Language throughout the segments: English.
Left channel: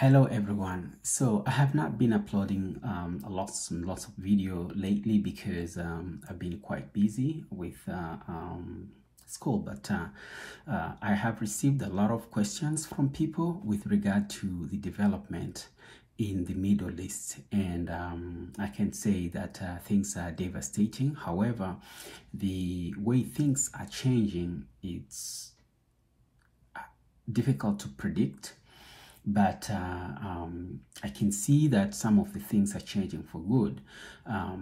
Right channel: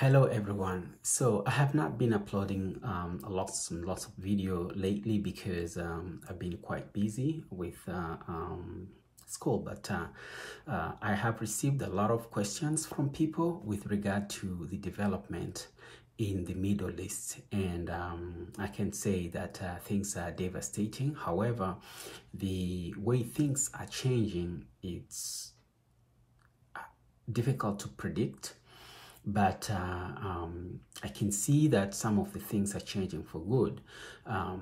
Hello everyone. So I have not been uploading lots and lots of video lately because I've been quite busy with school, but I have received a lot of questions from people with regard to the development in the Middle East, and I can say that things are devastating. However, the way things are changing, it's difficult to predict. But I can see that some of the things are changing for good. I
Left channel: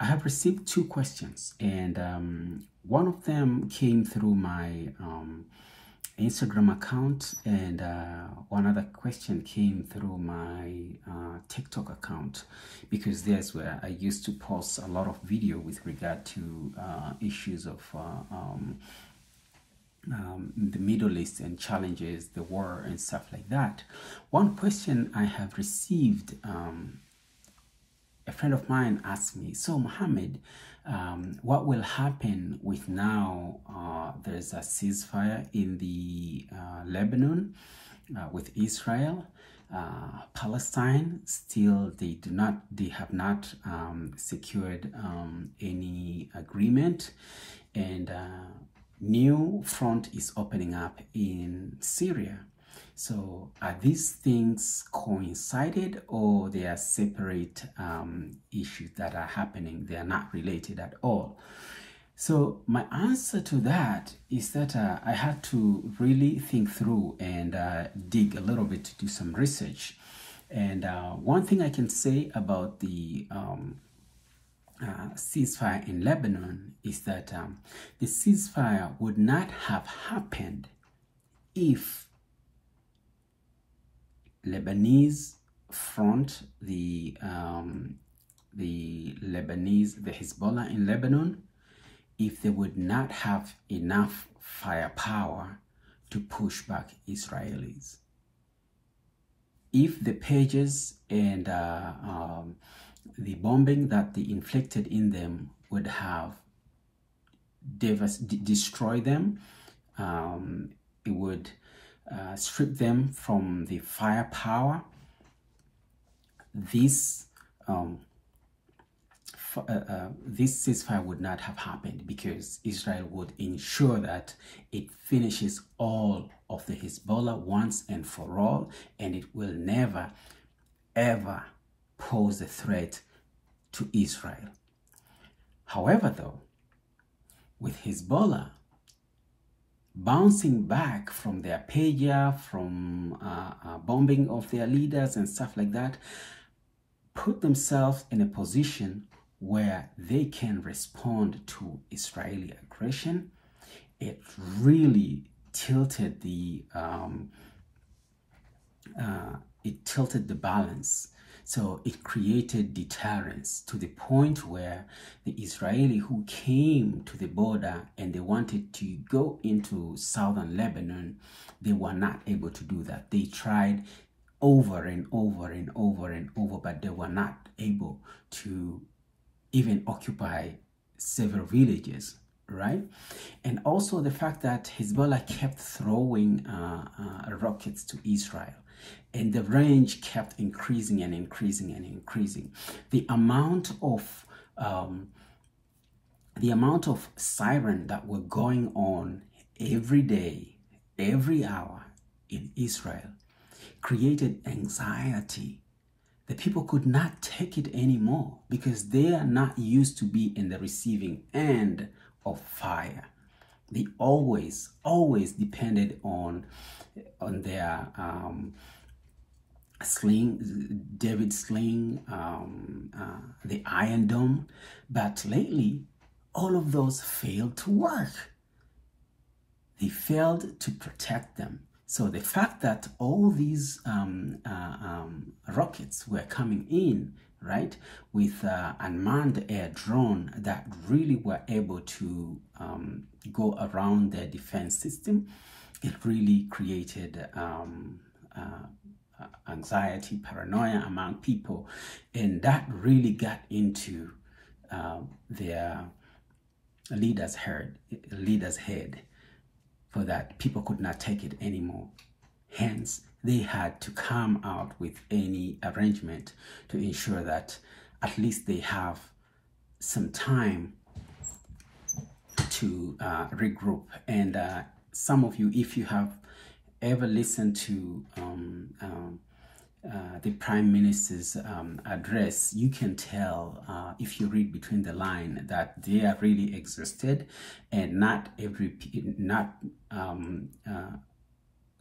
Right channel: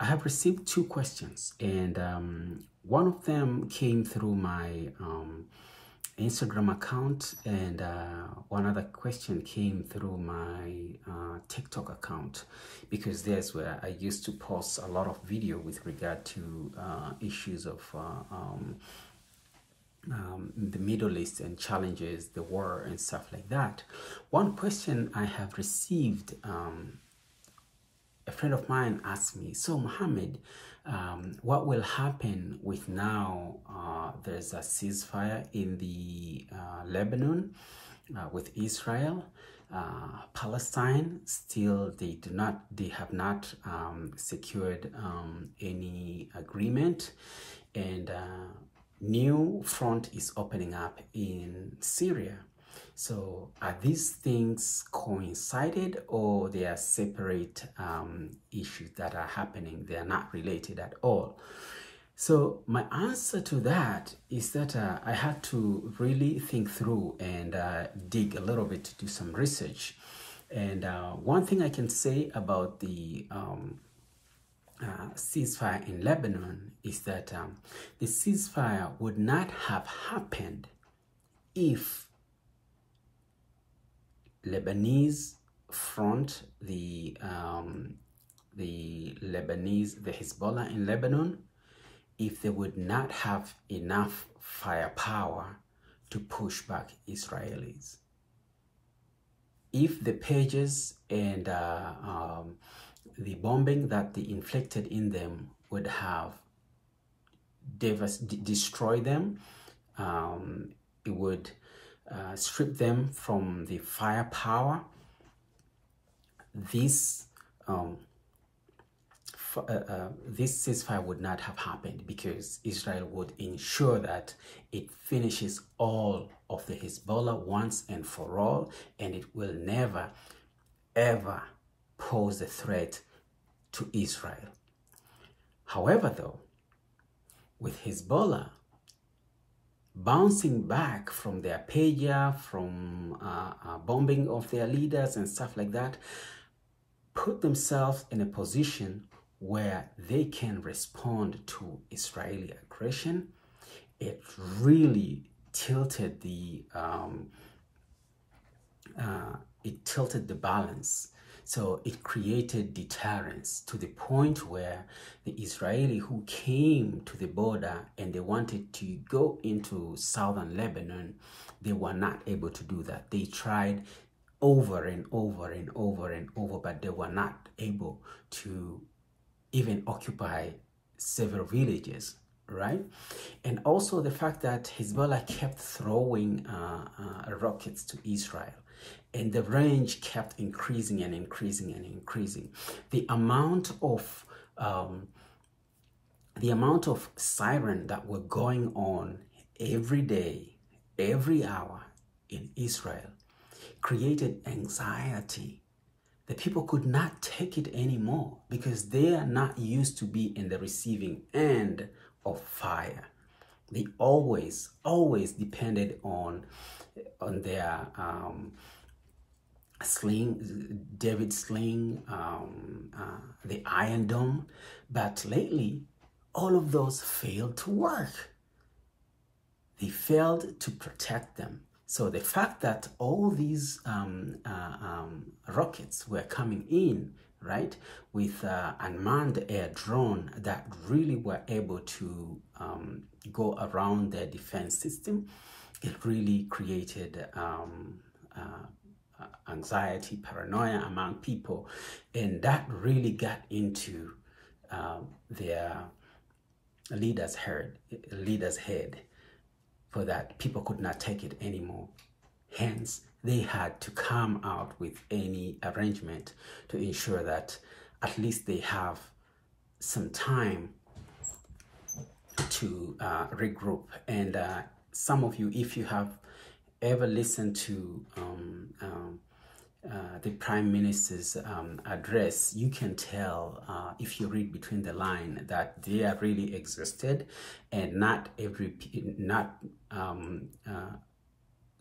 have received two questions, and one of them came through my Instagram account, and one other question came through my TikTok account, because there's where I used to post a lot of video with regard to issues of the Middle East and challenges, the war and stuff like that. One question I have received, a friend of mine asked me, so Mohammed, what will happen with now there's a ceasefire in the Lebanon with Israel, Palestine still they have not secured any agreement, and new front is opening up in Syria. So are these things coincided, or they are separate issues that are happening? They are not related at all. So my answer to that is that I had to really think through and dig a little bit to do some research. And one thing I can say about the ceasefire in Lebanon is that the ceasefire would not have happened if Lebanese front, the Hezbollah in Lebanon, if they would not have enough firepower to push back Israelis. If the pages and the bombing that they inflicted in them would have destroyed them, it would strip them from the firepower. This ceasefire would not have happened, because Israel would ensure that it finishes all of the Hezbollah once and for all, and it will never ever pose a threat to Israel. However, though, with Hezbollah bouncing back from their pager, from bombing of their leaders and stuff like that, put themselves in a position where they can respond to Israeli aggression. It really tilted the balance. So it created deterrence to the point where the Israeli who came to the border and they wanted to go into southern Lebanon, they were not able to do that. They tried over and over and over and over, but they were not able to even occupy several villages, right? And also the fact that Hezbollah kept throwing rockets to Israel, and the range kept increasing and increasing and increasing. The amount of siren that were going on every day, every hour in Israel created anxiety. The people could not take it anymore, because they are not used to be in the receiving end of fire. They always depended on their sling, David sling, the Iron Dome, but lately all of those failed to work. They failed to protect them. So the fact that all these rockets were coming in, right, with unmanned air drone that really were able to go around their defense system, it really created anxiety, paranoia among people, and that really got into their leader's head, for that people could not take it anymore. Hence, they had to come out with any arrangement to ensure that at least they have some time to regroup. And some of you, if you have ever listened to the Prime Minister's address, you can tell if you read between the line that they are really exhausted, and not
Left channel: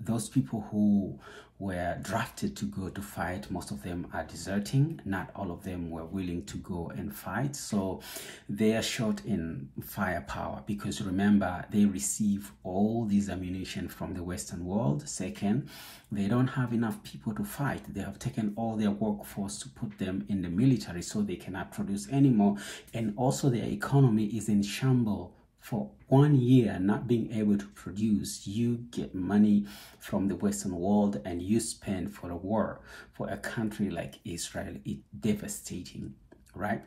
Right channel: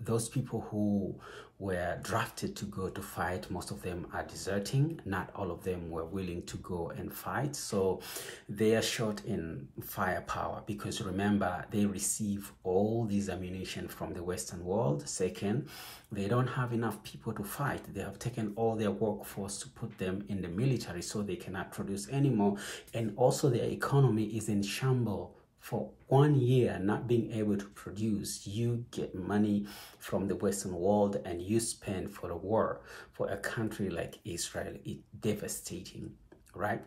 those people who were drafted to go to fight, most of them are deserting. Not all of them were willing to go and fight. So they are short in firepower, because remember, they receive all these ammunition from the Western world. Second, they don't have enough people to fight. They have taken all their workforce to put them in the military, so they cannot produce anymore. And also their economy is in shambles. For 1 year not being able to produce, you get money from the Western world and you spend for a war. For a country like Israel, it's devastating, right?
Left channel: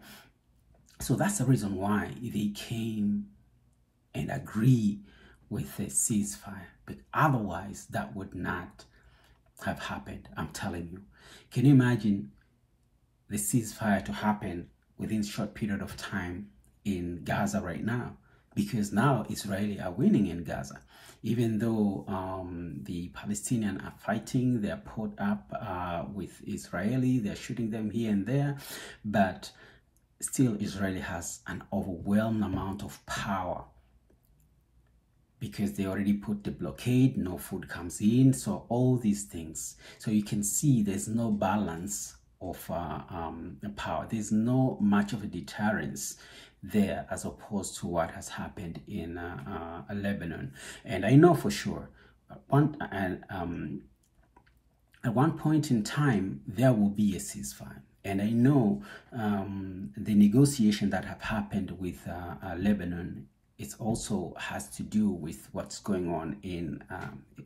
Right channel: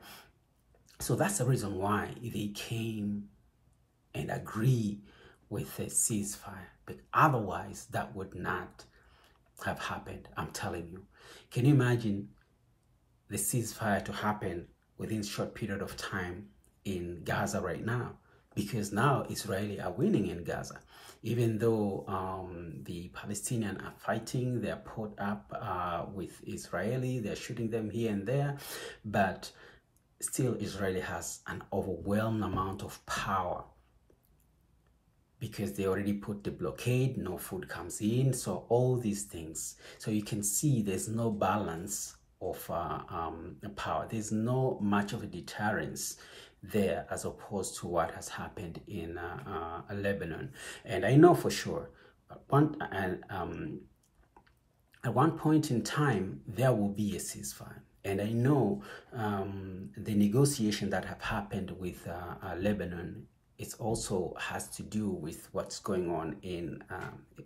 So that's the reason why they came and agree with a ceasefire. But otherwise, that would not have happened, I'm telling you. Can you imagine the ceasefire to happen within a short period of time in Gaza right now? Because now Israelis are winning in Gaza. Even though the Palestinians are fighting, they are put up with Israeli, they're shooting them here and there, but still Israel has an overwhelming amount of power, because they already put the blockade, no food comes in, so all these things. So you can see there's no balance of power. There's no much of a deterrence there as opposed to what has happened in Lebanon. And I know for sure at one point in time there will be a ceasefire. And I know the negotiation that have happened with Lebanon, it also has to do with what's going on in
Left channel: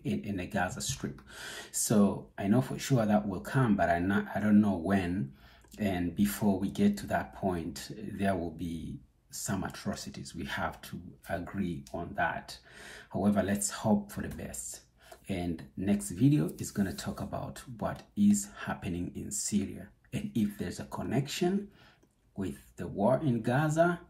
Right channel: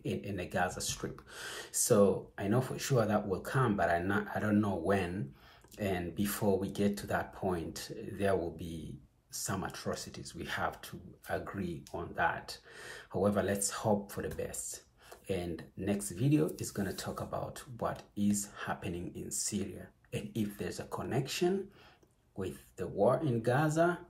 the Gaza Strip. So I know for sure that will come, but I don't know when. And before we get to that point, there will be some atrocities. We have to agree on that. However, let's hope for the best. And next video is going to talk about what is happening in Syria, and if there's a connection with the war in Gaza,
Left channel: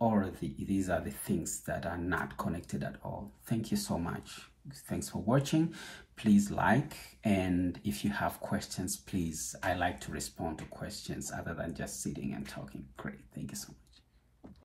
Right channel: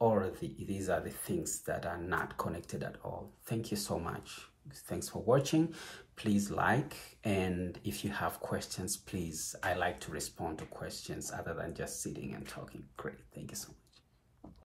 or these are the things that are not connected at all. Thank you so much. Thanks for watching. Please like, and if you have questions, please, I like to respond to questions other than just sitting and talking. Great. Thank you so much.